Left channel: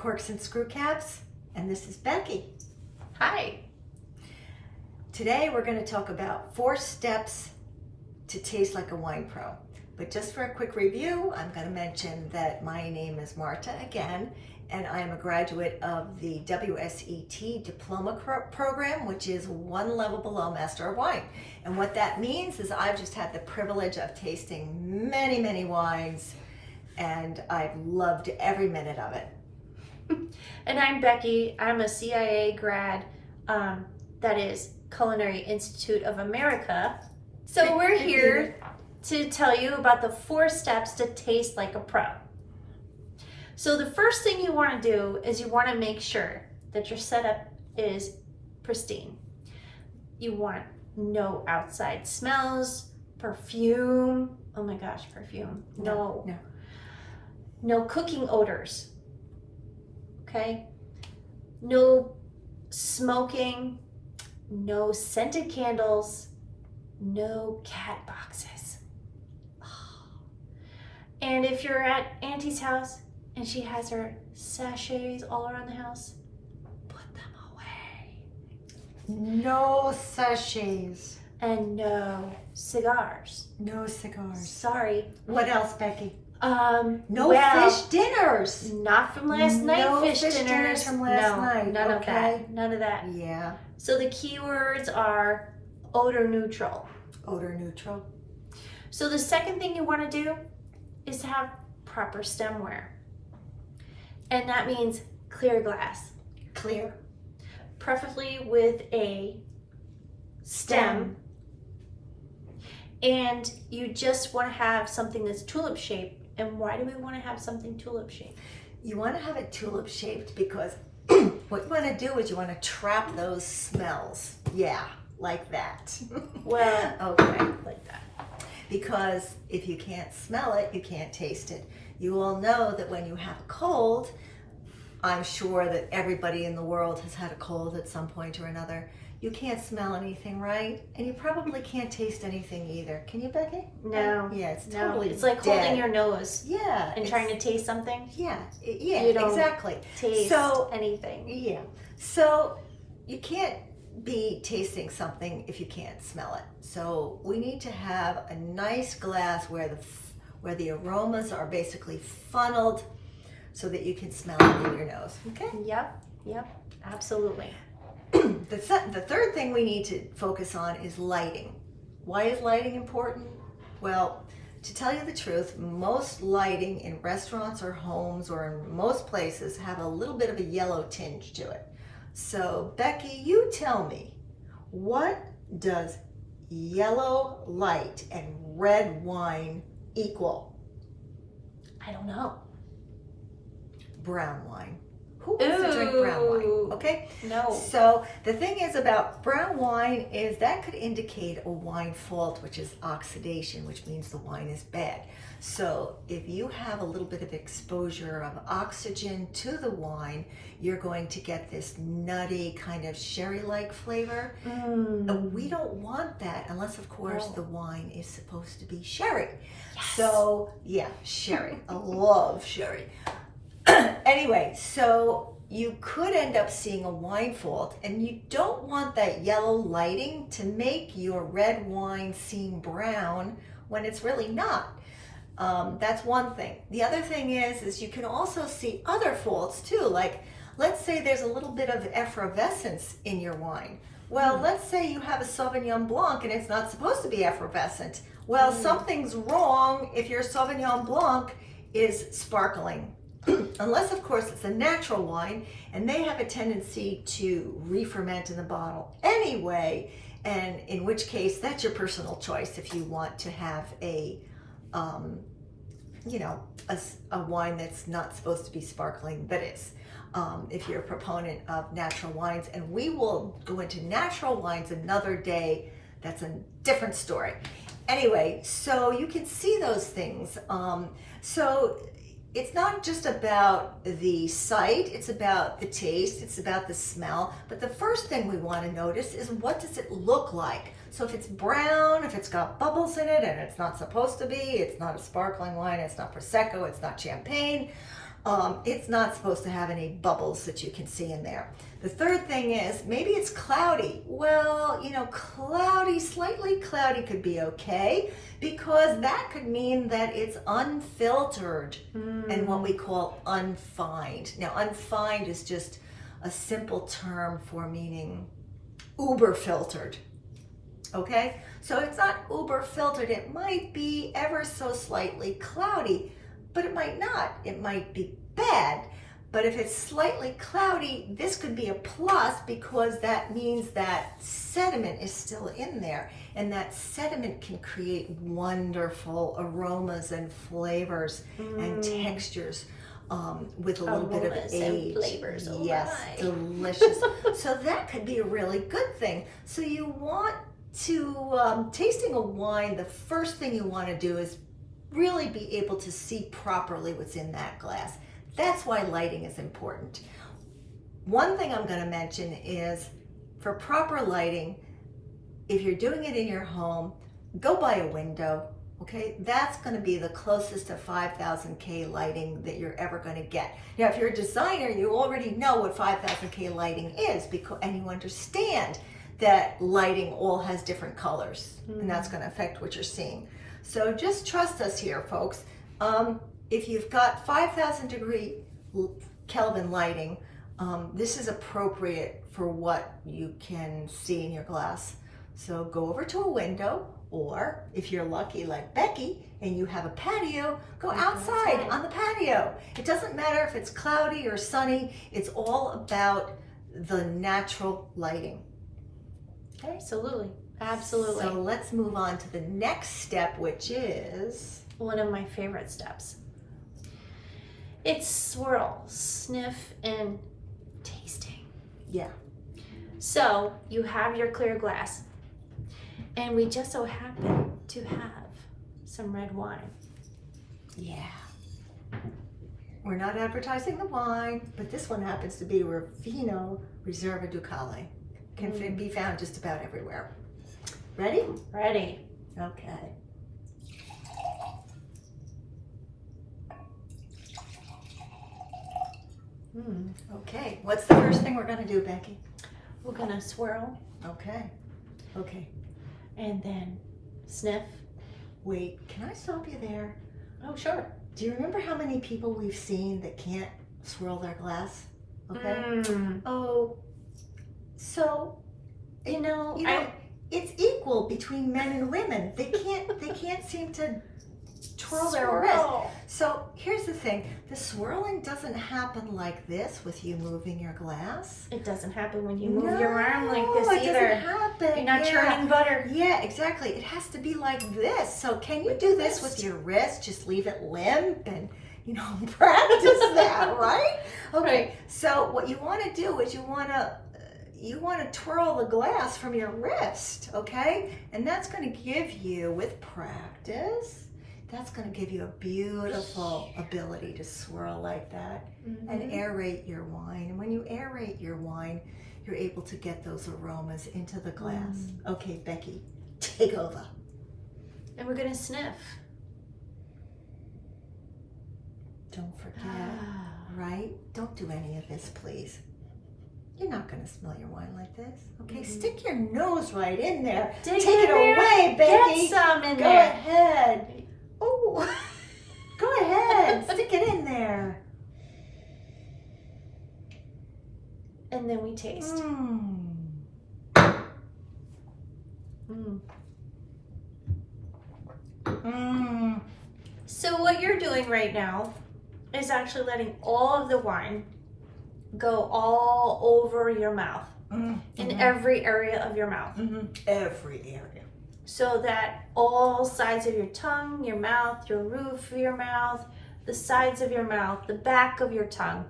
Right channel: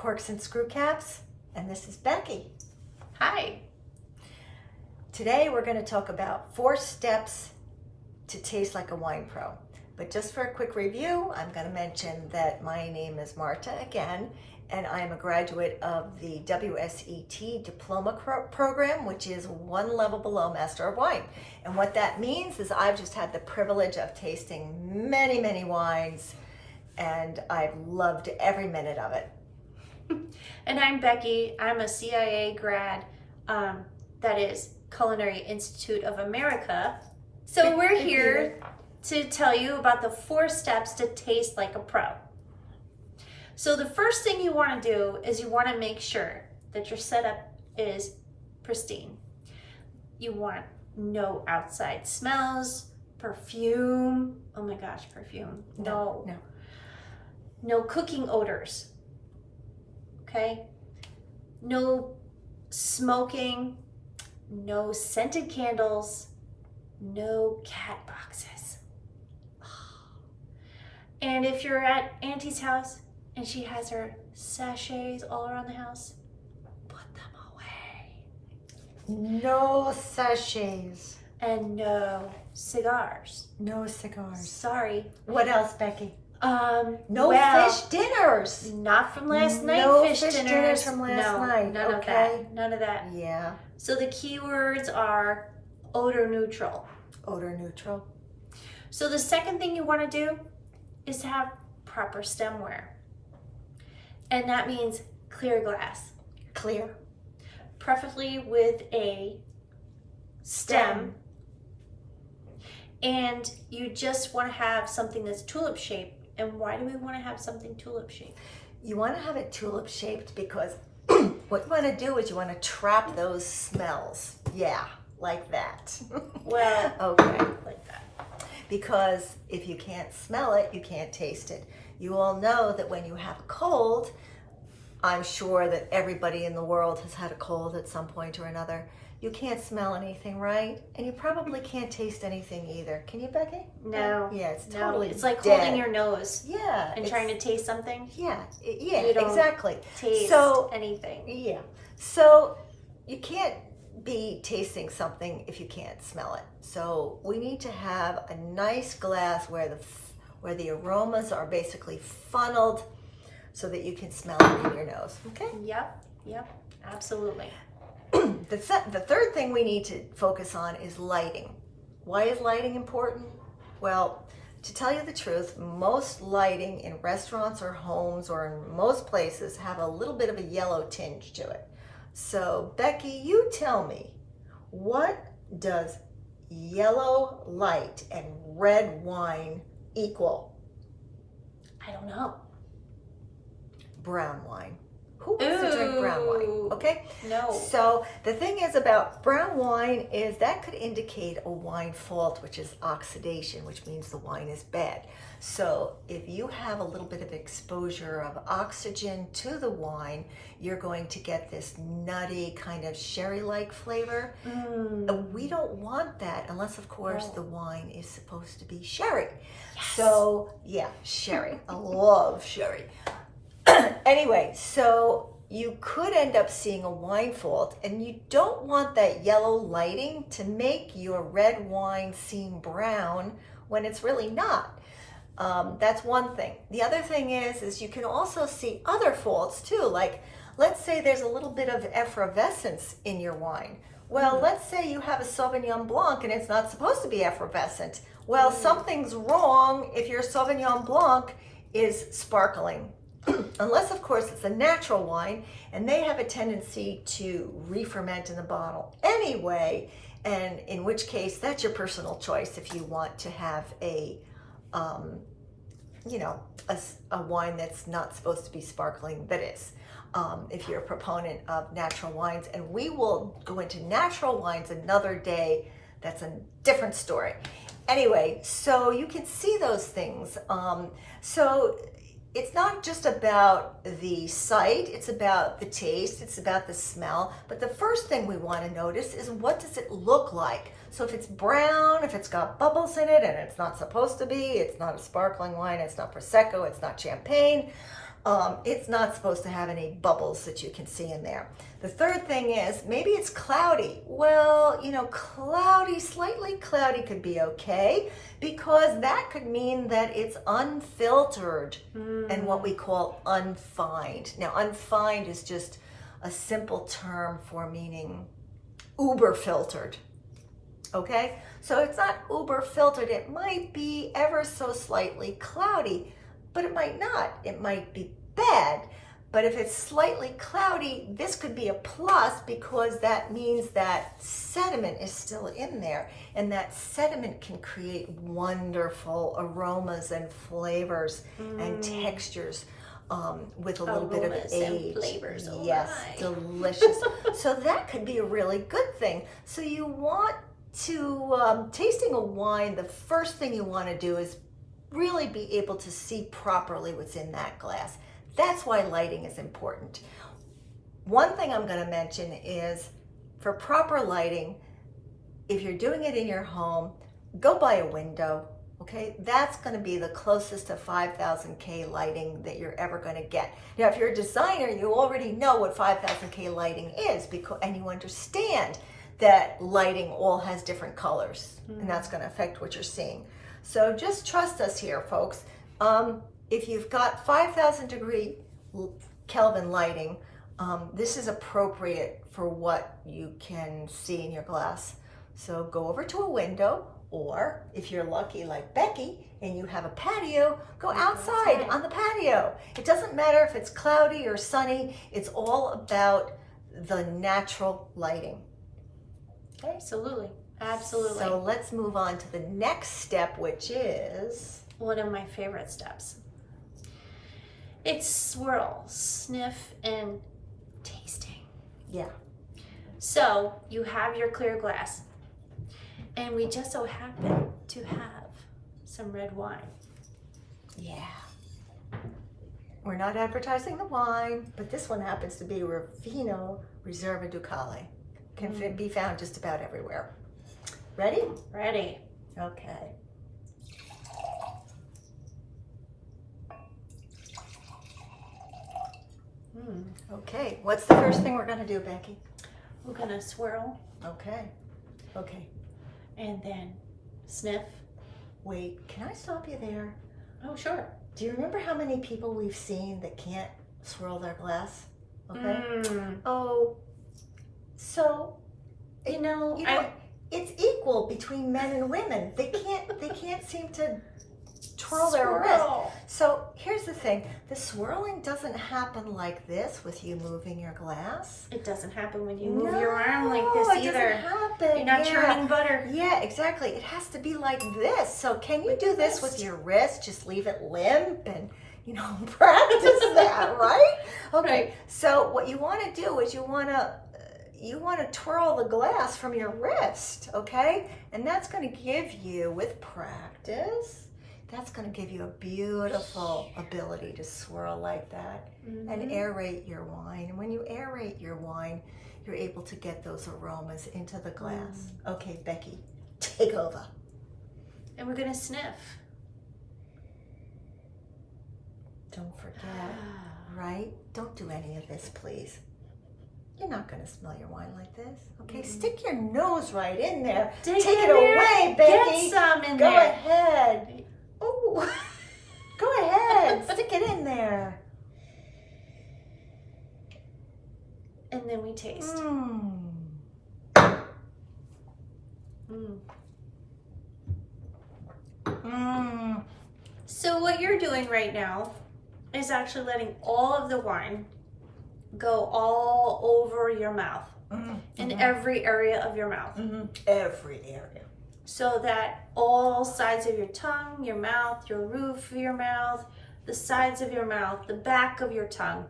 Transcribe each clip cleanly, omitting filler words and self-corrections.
Corks and Screw Caps, and this is Becky. Hi. Today we're going to talk about 4 steps to taste like a wine pro. But just for a quick review, I'm going to mention that my name is Marta again, and I am a graduate of the WSET Diploma Program, which is 1 level below Master of Wine. And what that means is I've just had the privilege of tasting many, many wines, and I've loved every minute of it. And I'm Becky. I'm a CIA grad, that is Culinary Institute of America. So we're here to tell you about the 4 steps to taste like a pro. So the first thing you want to do is you want to make sure that your setup is pristine. You want no outside smells, perfume. Oh my gosh, perfume. No cooking odors. Okay? No smoking, no scented candles, no cat boxes. And if you're at Auntie's house and she has her sachets all around the house, put them away. No sachets. And no cigars. No cigars. Sorry. What else, Becky? No fish dinners. Not from last night. No fish fish dinners from last night. None of that. None of that. Yeah. So the keywords are odor neutral. Odor neutral. So the second thing you want to do is have proper stemware. And that means clear glass. Clear. Preferably with a stem. And you just want to have something that's tulip shaped. And why do we want to have something tulip shaped? You want to have it tulip shaped because what you want to do is you want to trap those smells. Yeah, like that. Well, okay, like that. Because if you can't smell it, you can't taste it. You all know that when you have a cold, I'm sure that everybody in the world has had a cold at some point or another. You can't smell anything, right? And you probably can't taste anything either. Can you, Becky? No. Yeah, it's No. totally It's like dead. holding your nose. Yeah. And trying to taste something. Yeah, You don't exactly. Taste anything. Yeah. So you can't be tasting something if you can't smell it. So we need to have a nice glass where the aromas are basically funneled so that you can smell it in your nose. Okay? Yep, absolutely. The third thing we need to focus on is lighting. Why is lighting important? Well, to tell you the truth, most lighting in restaurants or homes or in most places have a little bit of a yellow tinge to it. So, Becky, you tell me, what does yellow light and red wine equal? I don't know. Brown wine. Who wants to drink brown wine? Okay? No. So the thing is about brown wine is that could indicate a wine fault, which is oxidation, which means the wine is bad. So if you have a little bit of exposure of oxygen to the wine, you're going to get this nutty kind of sherry-like flavor. We don't want that unless, of course, the wine is supposed to be sherry. Yes. So yeah, sherry. I love sherry. Anyway, so you could end up seeing a wine fault, and you don't want that yellow lighting to make your red wine seem brown when it's really not. That's one thing. The other thing is you can also see other faults too. Like, let's say there's a little bit of effervescence in your wine. Well, let's say you have a Sauvignon Blanc and it's not supposed to be effervescent. Well, something's wrong if your Sauvignon Blanc is sparkling. Unless, of course, it's a natural wine, and they have a tendency to re-ferment in the bottle anyway, and in which case, that's your personal choice if you want to have a wine that's not supposed to be sparkling, that is. If you're a proponent of natural wines, and we will go into natural wines another day, that's a different story. Anyway, so you can see those things. So it's not just about the sight, it's about the taste, it's about the smell. But the first thing we want to notice is, what does it look like? So if it's brown, if it's got bubbles in it and it's not supposed to be, it's not a sparkling wine, it's not Prosecco, it's not champagne, It's not supposed to have any bubbles that you can see in there. The third thing is maybe it's cloudy. Well, you know, cloudy, slightly cloudy could be okay because that could mean that it's unfiltered and what we call unfined. Now, unfined is just a simple term for meaning uber filtered. Okay, so it's not uber filtered. It might be ever so slightly cloudy, but it might not. It might be bad. But if it's slightly cloudy, this could be a plus because that means that sediment is still in there. And that sediment can create wonderful aromas and flavors and textures with a little bit of age. And flavors. Oh yes, my. delicious. So that could be a really good thing. So you want to, tasting a wine, the first thing you want to do is really be able to see properly what's in that glass. That's why lighting is important. One thing I'm going to mention is for proper lighting, if you're doing it in your home, go by a window, okay? That's going to be the closest to 5000K lighting that you're ever going to get. Now, if you're a designer, you already know what 5000K lighting is and you understand that lighting all has different colors and that's going to affect what you're seeing. So just trust us here, folks. If you've got 5,000 degree Kelvin lighting, this is appropriate for what you can see in your glass. So go over to a window, or if you're lucky like Becky and you have a patio, go outside on the patio. It doesn't matter if it's cloudy or sunny, it's all about the natural lighting. Okay? Absolutely. Absolutely. So let's move on to the next step, which is one of my favorite steps. It's swirl, sniff, and tasting. Yeah. So you have your clear glass, and we just so happen to have some red wine. Yeah. We're not advertising the wine, but this one happens to be Vino Reserva Ducale. Can be found just about everywhere. Ready? Ready. Okay. Okay, what's the first thing we're going to do, Becky? We're going to swirl. Okay. Okay. And then sniff. Wait, can I stop you there? Oh, sure. Do you remember how many people we've seen that can't swirl their glass? Okay. Oh, so you know, it's equal between men and women. They can't seem to twirl their wrist. So here's the thing: the swirling doesn't happen like this with you moving your glass. It doesn't happen when you move your arm like this it either. Doesn't happen. You're not churning butter. Yeah, exactly. It has to be like this. So can you do this with your wrist? Just leave it limp and practice that, right? Okay. Right. So what you want to do is you want to twirl the glass from your wrist, okay? And that's going to give you, with practice, that's going to give you a beautiful ability to swirl like that and aerate your wine. And when you aerate your wine, you're able to get those aromas into the glass. Okay, Becky, take over. And we're going to sniff. Don't forget, right? Don't do any of this, please. You're not going to smell your wine like this, okay? Stick your nose right in there. Take it away, Becky. Get some in there. Go ahead. Oh, go ahead. Stick it in there. And then we taste. So what you're doing right now is actually letting all of the wine go all over your mouth, in every area of your mouth. Every area. So that all sides of your tongue, your mouth, your roof of your mouth, the sides of your mouth, the back of your tongue,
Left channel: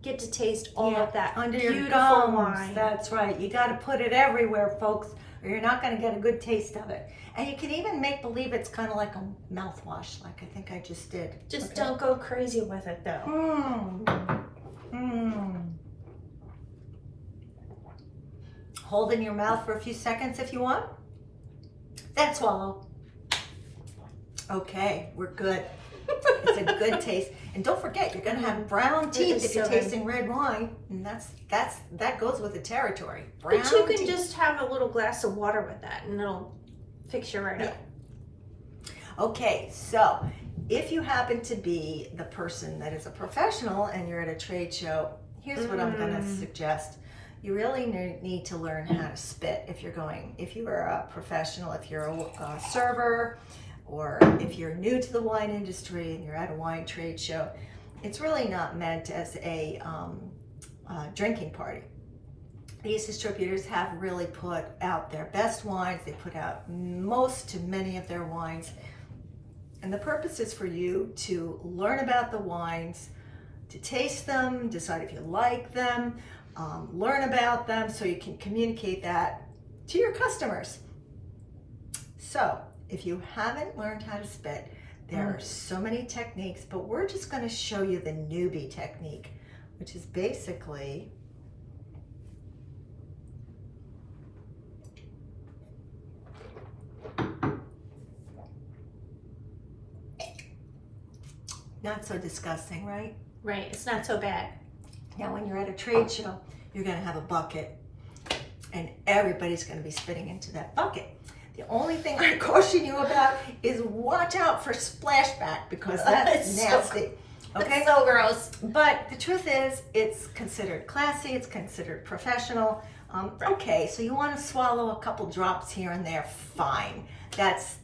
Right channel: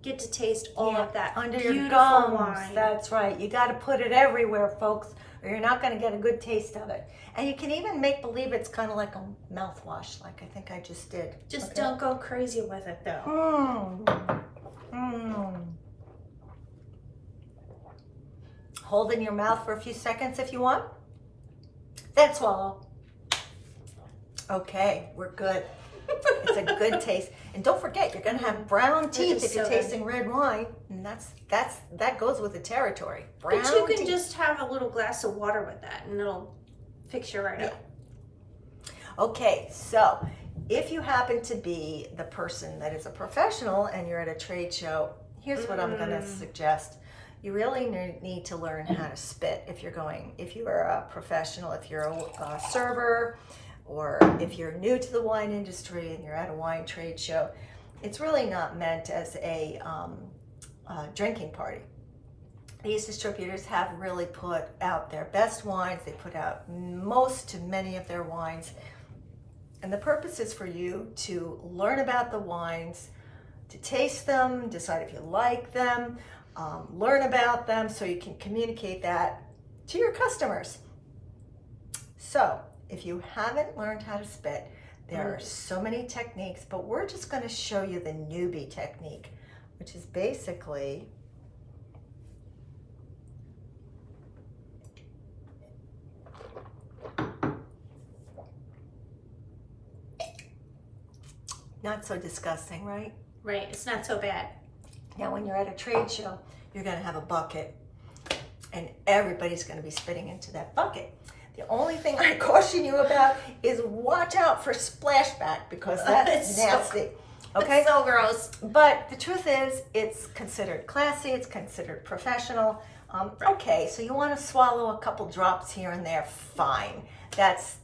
get to taste all of that under beautiful your gums. wine. That's right. You got to put it everywhere, folks, or you're not going to get a good taste of it. And you can even make believe it's kind of like a mouthwash, like I think I just did. Just don't go crazy with it, though. Hold in your mouth for a few seconds if you want. Then swallow. Okay, we're good. It's a good taste. And don't forget, you're going to have brown teeth if you're so good. tasting red wine. And that goes with the territory. Brown But you can teeth. just have a little glass of water with that and it'll fix you right up. Okay, so if you happen to be the person that is a professional and you're at a trade show, here's what I'm going to suggest. You really need to learn how to spit if you are a professional, if you're a server, or if you're new to the wine industry and you're at a wine trade show. It's really not meant as a drinking party. These distributors have really put out their best wines. They put out most to many of their wines. And the purpose is for you to learn about the wines, to taste them, decide if you like them, learn about them so you can communicate that to your customers. So if you haven't learned how to spit, there are so many techniques, but we're just going to show you the newbie technique, which is basically not so disgusting, right? Right, it's not so bad. Now, when you're at a trade show, you're going to have a bucket, and everybody's going to be spitting into that bucket. The only thing I caution you about is watch out for splashback, because that's nasty. Okay? It's so gross. But the truth is, it's considered classy, it's considered professional. Okay, so you want to swallow a couple drops here and there, fine.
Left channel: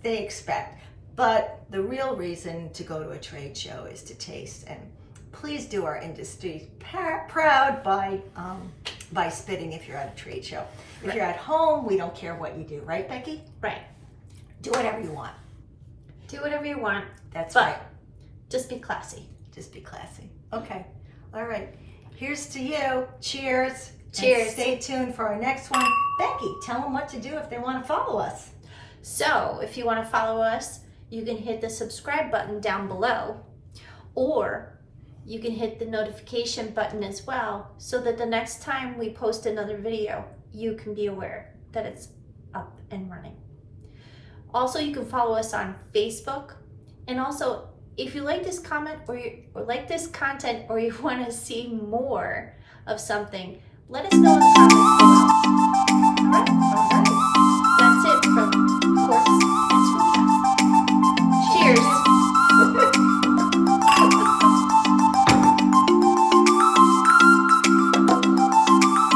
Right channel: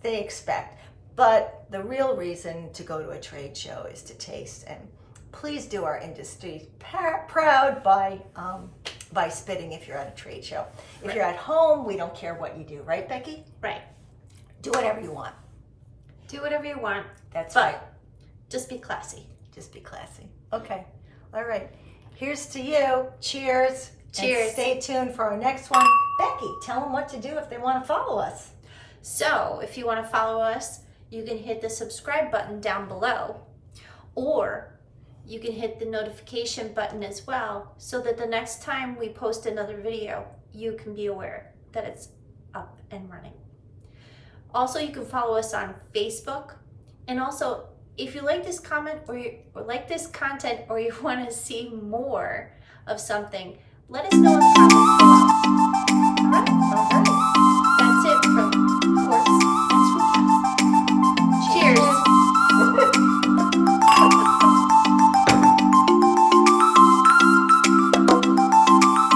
They expect. But the real reason to go to a trade show is to taste, and please do our industry proud by spitting if you're at a trade show. If you're at home, we don't care what you do, right, Becky? Right. Do whatever you want. Do whatever you want. That's but right. Just be classy. Just be classy. Okay. All right. Here's to you. Cheers. Cheers. And stay tuned for our next one. Becky, tell them what to do if they want to follow us. So if you want to follow us, you can hit the subscribe button down below, or you can hit the notification button as well, so that the next time we post another video, you can be aware that it's up and running. Also, you can follow us on Facebook, and also if you like this comment or like this content, or you want to see more of something, let us know in the comments below. All right.